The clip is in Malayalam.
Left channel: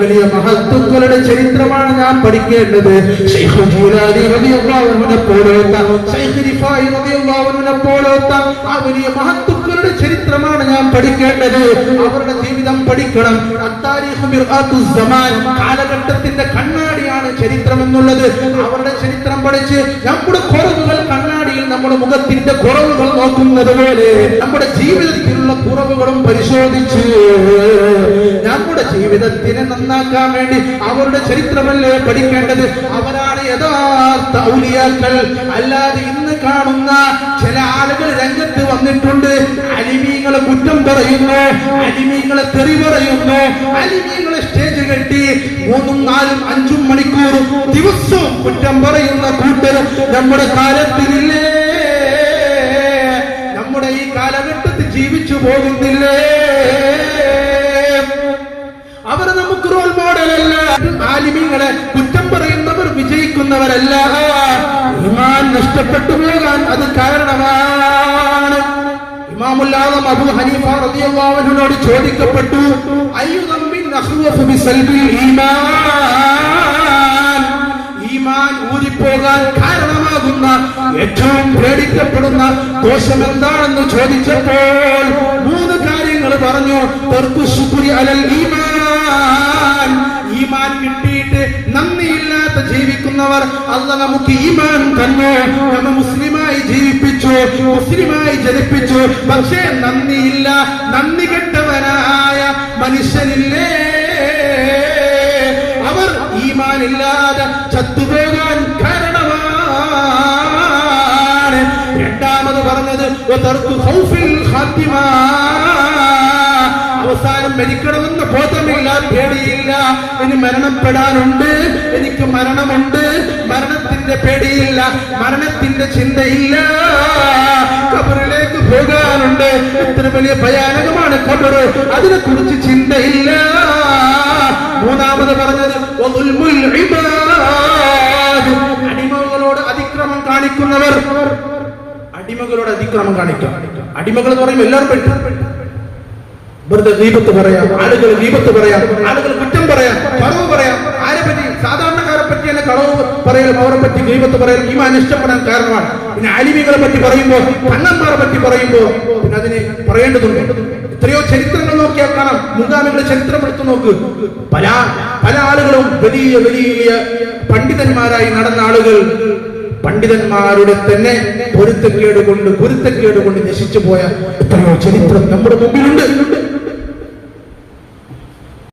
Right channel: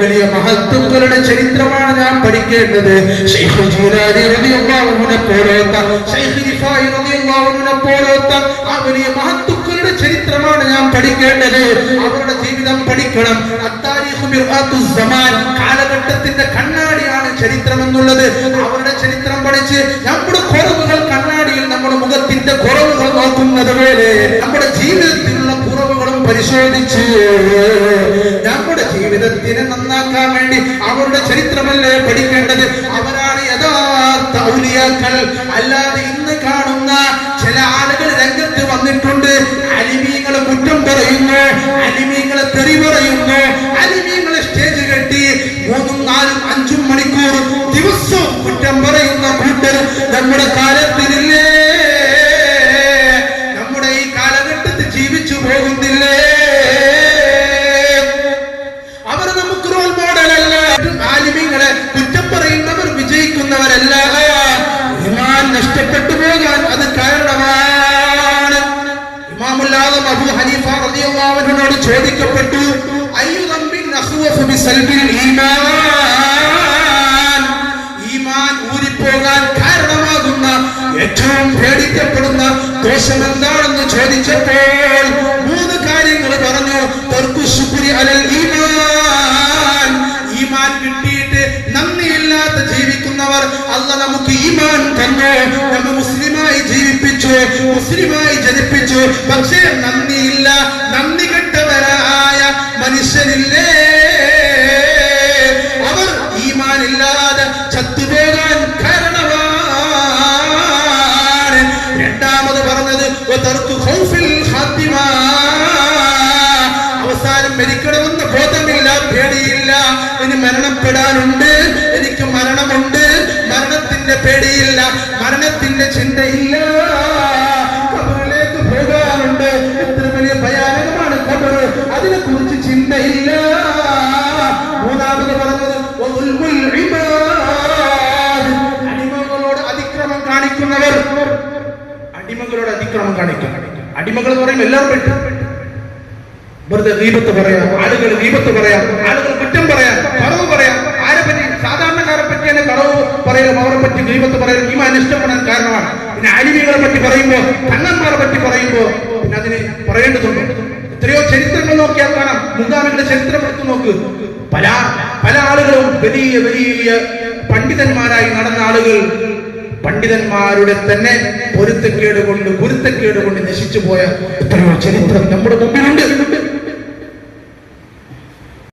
വലിയ മഹത്തുക്കളുടെ ചരിത്രമാണ് നാം പഠിക്കേണ്ടത്. ശൈഖ് ജീലാനി റളിയല്ലാഹു അൻഹുവിനെ പോലത്തെ, ശൈഖ് റിഫായി റളിയല്ലാഹു അൻഹുവിനെ പോലത്തെ ആ വലിയ മഹത്തുക്കളുടെ ചരിത്രമാണ് നാം പഠിക്കേണ്ടത്. അവരുടെ ജീവിതം പഠിക്കണം. അത്താരീഖു മിർആത്തുസ് സമാൻ, കാലഘട്ടത്തിന്റെ കണ്ണാടിയാണ് ചരിത്രം എന്നുള്ളത്. അവരുടെ ചരിത്രം പഠിച്ച് നമ്മുടെ കുറവുകൾ കണ്ണാടിയിൽ നമ്മുടെ മുഖത്തിന്റെ കുറവുകൾ നോക്കുന്നത് പോലെ നമ്മുടെ ജീവിതത്തിലുള്ള കുറവുകളും പരിശോധിച്ച് നമ്മുടെ ജീവിതത്തിനെ നന്നാക്കാൻ വേണ്ടി അവരുടെ ചരിത്രമല്ലേ പഠിക്കേണ്ടത്. അവരാണ് യഥാർത്ഥ ഔലിയാക്കൾ. അല്ലാതെ ഇന്ന് കാണുന്ന ചില ആളുകൾ രംഗത്ത് വന്നിട്ടുണ്ട്. അലിമീങ്ങളെ കുറ്റം പറയുന്നു, അലിമീങ്ങളെ തെറി പറയുന്നു, അലിമീങ്ങളെ സ്റ്റേജ് കെട്ടി 3, 4, 5 മണിക്കൂർ ദിവസവും കുറ്റം പറയുന്ന കൂട്ടർ നമ്മുടെ കാലത്തിലില്ലേ? നമ്മുടെ ഈ കാലഘട്ടത്തിൽ ജീവിച്ചു പോകുന്നില്ലേ? അവർ നമുക്ക് റോൾ മോഡലല്ല. ആലിമീങ്ങളെ കുറ്റം പറയുന്നവർ വിജയിക്കുന്നവരല്ല. ഈമാൻ നഷ്ടപ്പെട്ടു പോകാൻ അത് കാരണമാണ്. ഇമാമുൽ ആദം അബൂ ഹനീഫ റളിയല്ലാഹു അൻഹുവിനോട് ചോദിക്കപ്പെട്ടു, അയ്യു ദംബിൻ അഖ്വഫു ബിസൽബിൽ ഈമാൻ, ഈമാൻ ഊരിപ്പോകാൻ കാരണമാകുന്ന ഏറ്റവും പേടിക്കപ്പെടുന്ന ദോഷം എന്താണെന്ന് ചോദിച്ചപ്പോൾ 3 കാര്യങ്ങൾ പറഞ്ഞു. തർക്കു ശുക്രി അലൽ ഈമാൻ, ഈമാൻ കിട്ടിയിട്ട് നന്ദിയില്ലാത്ത ജീവിക്കുന്നവർ. അല്ലാഹ് നമുക്ക് ഈമാൻ തന്നു, നമ്മെ മുസ്ലിമായി ജീവിപ്പിച്ചു, മുസ്ലിമായി ജനിപ്പിച്ചു. പക്ഷേ നന്ദിയില്ല, നന്ദി കെട്ടവരായ മനുഷ്യരില്ലേ? അവർ ഈമാനില്ലാതെ ചത്തുപോകാൻ കാരണമാണ്. രണ്ടാമത് പറഞ്ഞത് തർക്കു ഖൗഫിൽ ഖാത്തിമ, അവസാനം മരിക്കണമെന്ന് ബോധമില്ല, പേടിയില്ല. ഇനി മരണപ്പെടാനുണ്ട്, എനിക്ക് മരണമുണ്ട്, മരണത്തിന്റെ പേടിയില്ല, മരണത്തിന്റെ ചിന്തയില്ല. ഖബറിലേക്ക് പോകാനുണ്ട്, എത്ര വലിയ ഭയാനകമാണ് ഖബർ, അതിനെ കുറിച്ച് ചിന്തയില്ല. മൂന്നാമത് പറഞ്ഞത് അടിമകളോട് അതിക്രമം കാണിക്കുന്നവർ. അടിമകളോട് അതിക്രമം കാണിക്കുക. അടിമകൾ എന്ന് പറയുമ്പോൾ എല്ലാവരും പറ്റും. വെറുതെ ഗീബത്ത് പറയാം, ആളുകൾ ഗീബത്ത് പറയാം, ആളുകൾ കുറ്റം പറയാം, കളവ് പറയാം. ആരെ പറ്റി? സാധാരണക്കാരെ പറ്റി തന്നെ കളവ് പറയലും അവരെ പറ്റി ഗീബത്ത് പറയലും ഈമാൻ നഷ്ടപ്പെടാൻ കാരണമാണ്. പിന്നെ ആലിമീങ്ങളെ പറ്റി പറയുമ്പോ, കണ്ണന്മാരെ പറ്റി പറയുമ്പോ പിന്നെ അതിന് പറയേണ്ടതുണ്ട്. എത്രയോ ചരിത്രങ്ങൾ നോക്കിയാൽ കാണാം. മുൻഗാമികളുടെ ചരിത്രം എടുത്തു നോക്ക്. പല ആളുകളും വലിയ വലിയ പണ്ഡിതന്മാരായി നടന്ന ആളുകൾ പണ്ഡിതന്മാരുടെ തന്നെ പൊരുത്തക്കേട് കൊണ്ട് നശിച്ചു പോയ എത്രയോ ചരിത്രം നമ്മുടെ മുമ്പിലുണ്ട്.